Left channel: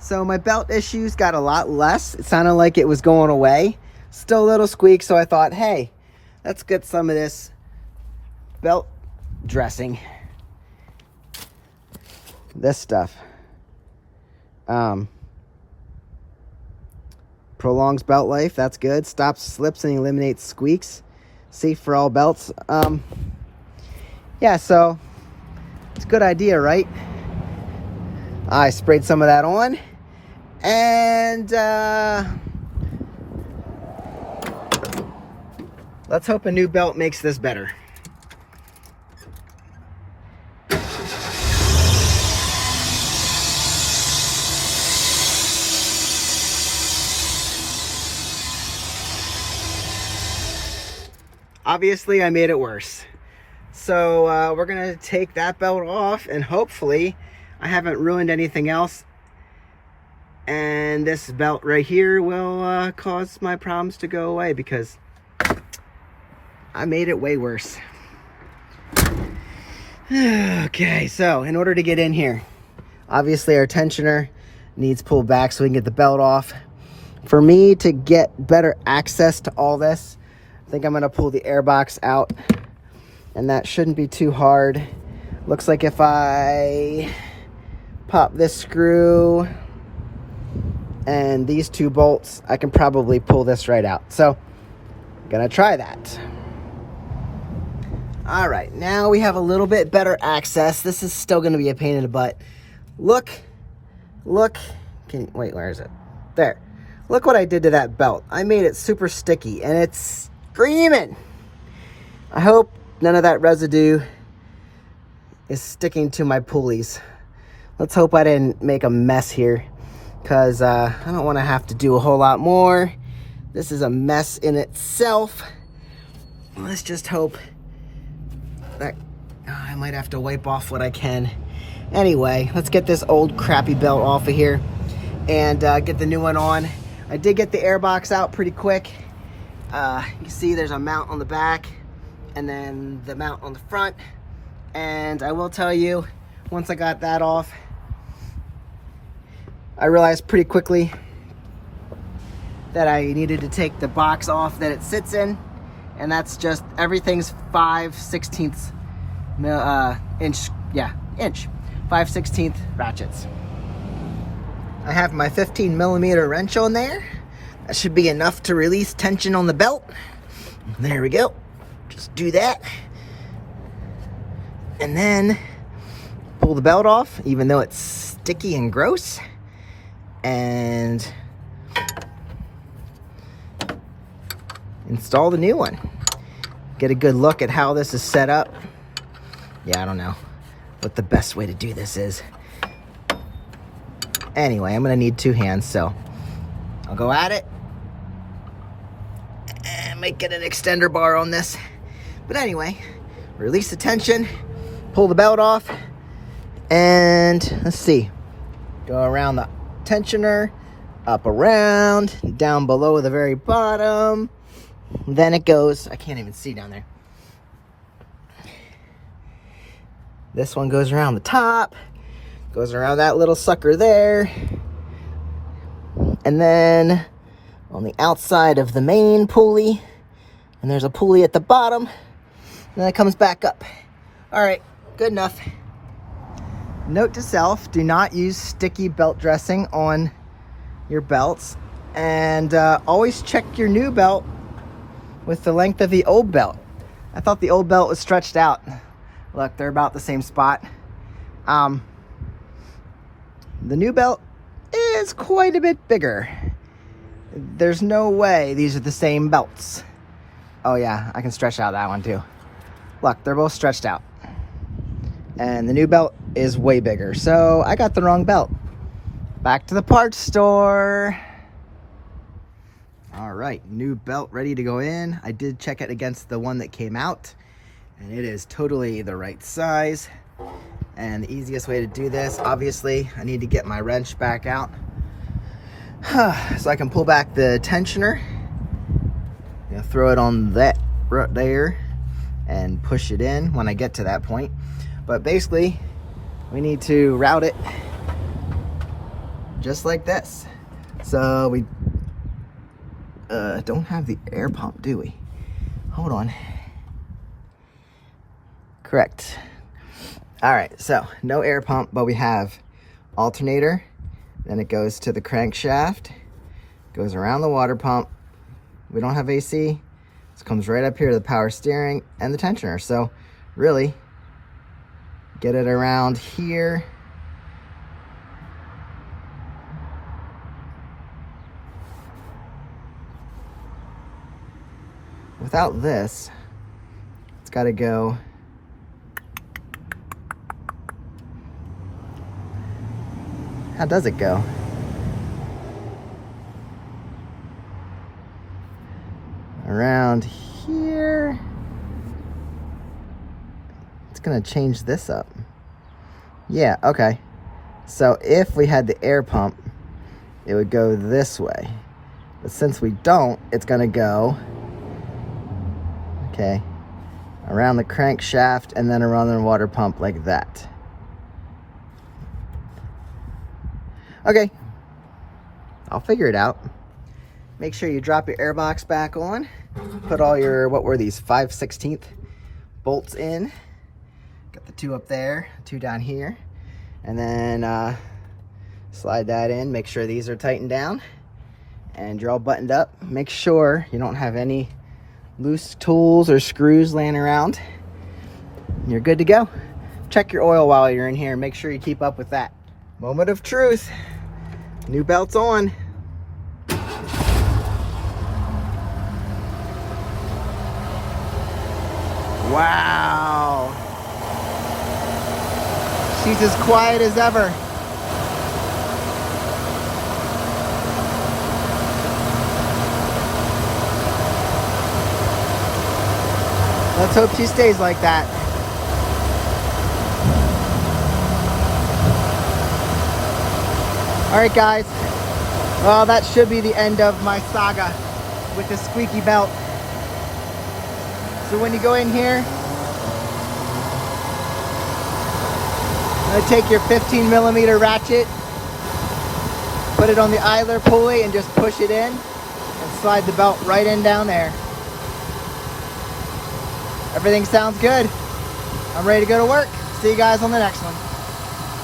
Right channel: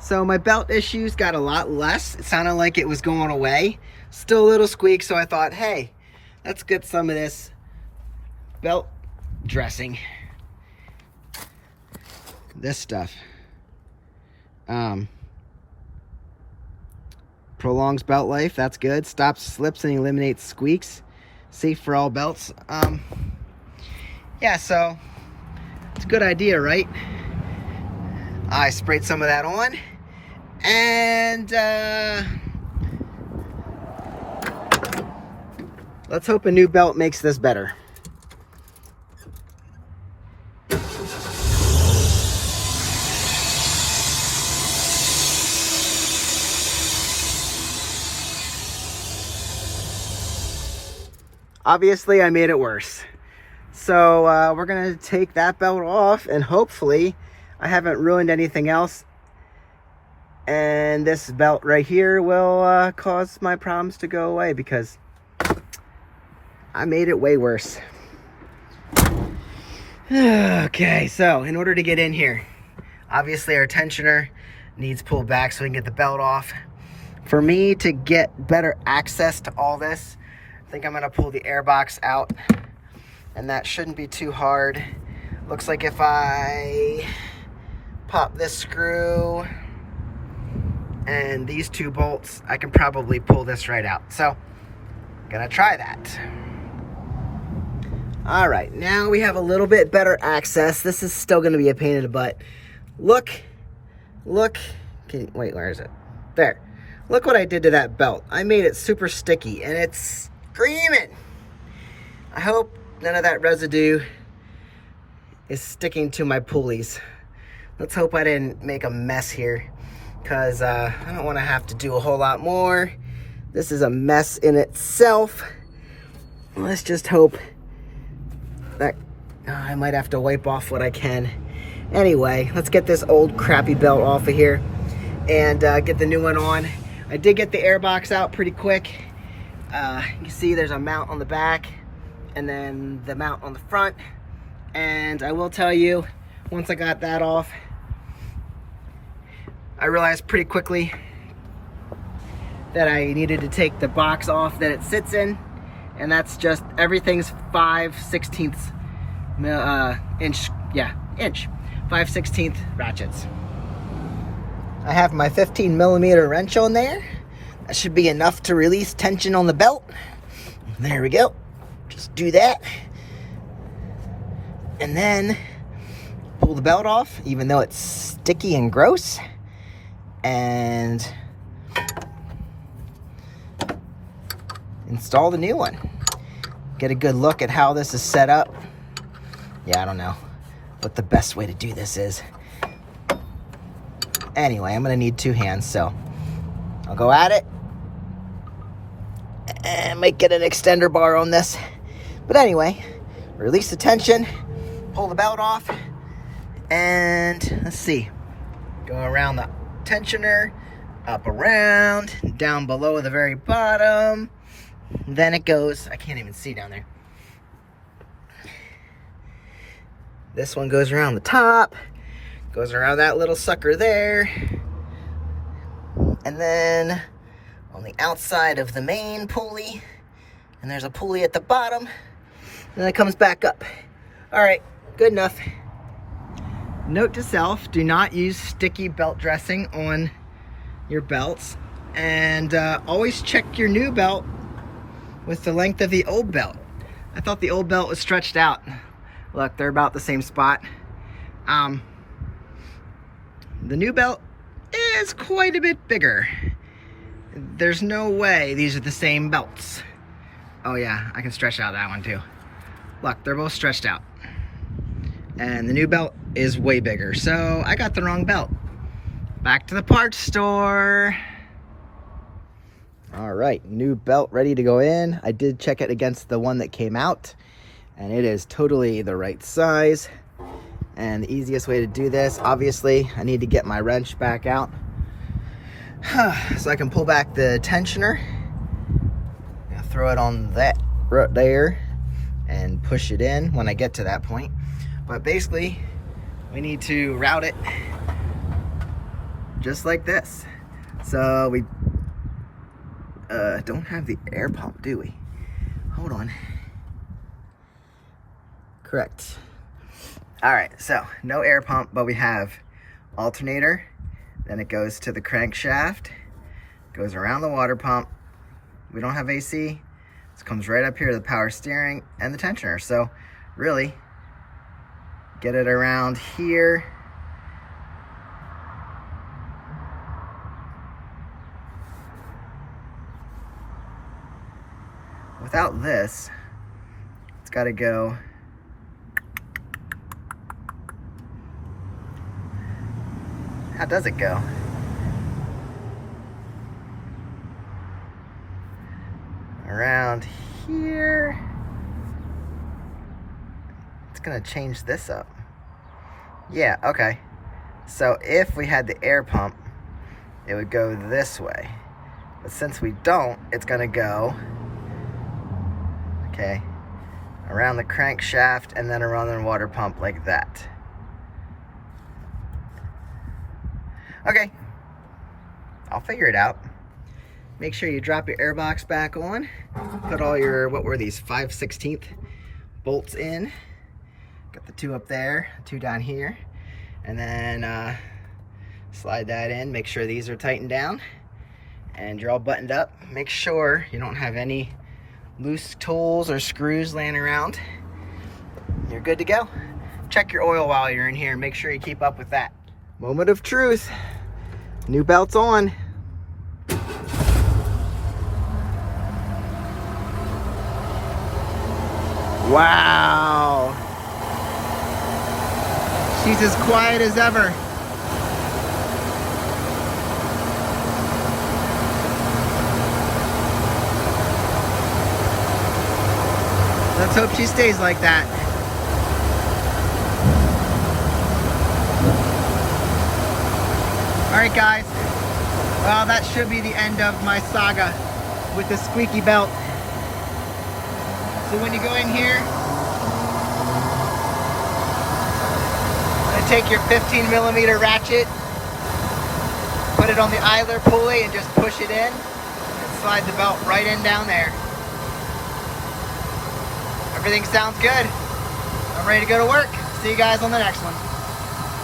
So my belt issues got a lot less. It sounded like it was going away. Still a little squeak, so I thought, hey, let's get some of this belt dressing. This stuff. Prolongs belt life, that's good. Stops slips and eliminates squeaks. Safe for all belts. Yeah, so it's a good idea, right? I sprayed some of that on, and let's hope a new belt makes this better. Obviously, I made it worse. So we're gonna take that belt off, and hopefully I haven't ruined anything else. And this belt right here will cause my problems to go away, because I made it way worse. Okay, so in order to get in here, obviously our tensioner needs pulled back so we can get the belt off. For me to get better access to all this, I think I'm gonna pull the air box out, and that shouldn't be too hard. Looks like if I pop this screw and these two bolts, I can probably pull this right out. So I'm gonna try that. All right, now we have a little bit better access. This is still gonna be a pain in the butt. Look, wait, where is it? There. Look what I did to that belt. I made it super sticky, and it's screaming. I hope none of that residue is sticking to my pulleys. Let's hope I didn't make a mess here, because I don't want to have to do a whole lot more. This is a mess in itself. Let's just hope that I might have to wipe off what I can. Anyway, let's get this old crappy belt off of here and get the new one on. I did get the air box out pretty quick. You can see there's a mount on the back and then the mount on the front. And I will tell you, once I got that off, I realized pretty quickly that I needed to take the box off that it sits in. And that's just, everything's 5/16 inch, yeah, inch. 5/16 ratchets. I have my 15mm wrench on there. That should be enough to release tension on the belt. There we go. Just do that. And then pull the belt off, even though it's sticky and gross. And install the new one. Get a good look at how this is set up. Yeah, I don't know what the best way to do this is. Anyway, I'm gonna need two hands, so I'll go at it. And I might get an extender bar on this. But anyway, release the tension, pull the belt off, and let's see. Go around the tensioner, up around, down below the very bottom. Then it goes, I can't even see down there. This one goes around the top, goes around that little sucker there. And then on the outside of the main pulley, and there's a pulley at the bottom, and then it comes back up. All right, good enough. Note to self, do not use sticky belt dressing on your belts, and always check your new belt with the length of the old belt. I thought the old belt was stretched out. Look, they're about the same spot. The new belt is quite a bit bigger. There's no way these are the same belts. Oh yeah, I can stretch out that one too. Look, they're both stretched out. And the new belt is way bigger, so I got the wrong belt. Back to the parts store. All right, new belt ready to go in. I did check it against the one that came out, and it is totally the right size. And the easiest way to do this, obviously, I need to get my wrench back out so I can pull back the tensioner. I'm gonna throw it on that right there and push it in when I get to that point. But basically, we need to route it just like this. So we don't have the air pump, do we? Hold on. Correct. All right, so no air pump, but we have alternator. Then it goes to the crankshaft, goes around the water pump. We don't have AC. This comes right up here to the power steering and the tensioner. So really, get it around here. Without this, it's got to go how does it go? Around here. It's gonna change this up. Yeah, okay. So if we had the air pump, it would go this way. But since we don't, it's gonna go, okay, around the crankshaft and then around the water pump like that. Okay, I'll figure it out. Make sure you drop your air box back on. Put all your, what were these, 5/16 bolts in. Got the 2 up there, 2 down here. And then slide that in. Make sure these are tightened down. And you're all buttoned up. Make sure you don't have any loose tools or screws laying around. You're good to go. Check your oil while you're in here. Make sure you keep up with that. Moment of truth. New belt's on. Wow. She's as quiet as ever. Let's hope she stays like that. All right, guys. Well, that should be the end of my saga with the squeaky belt. So when you go in here, I'm gonna take your 15mm ratchet, put it on the idler pulley and just push it in and slide the belt right in down there. Everything sounds good. I'm ready to go to work. See you guys on the next one.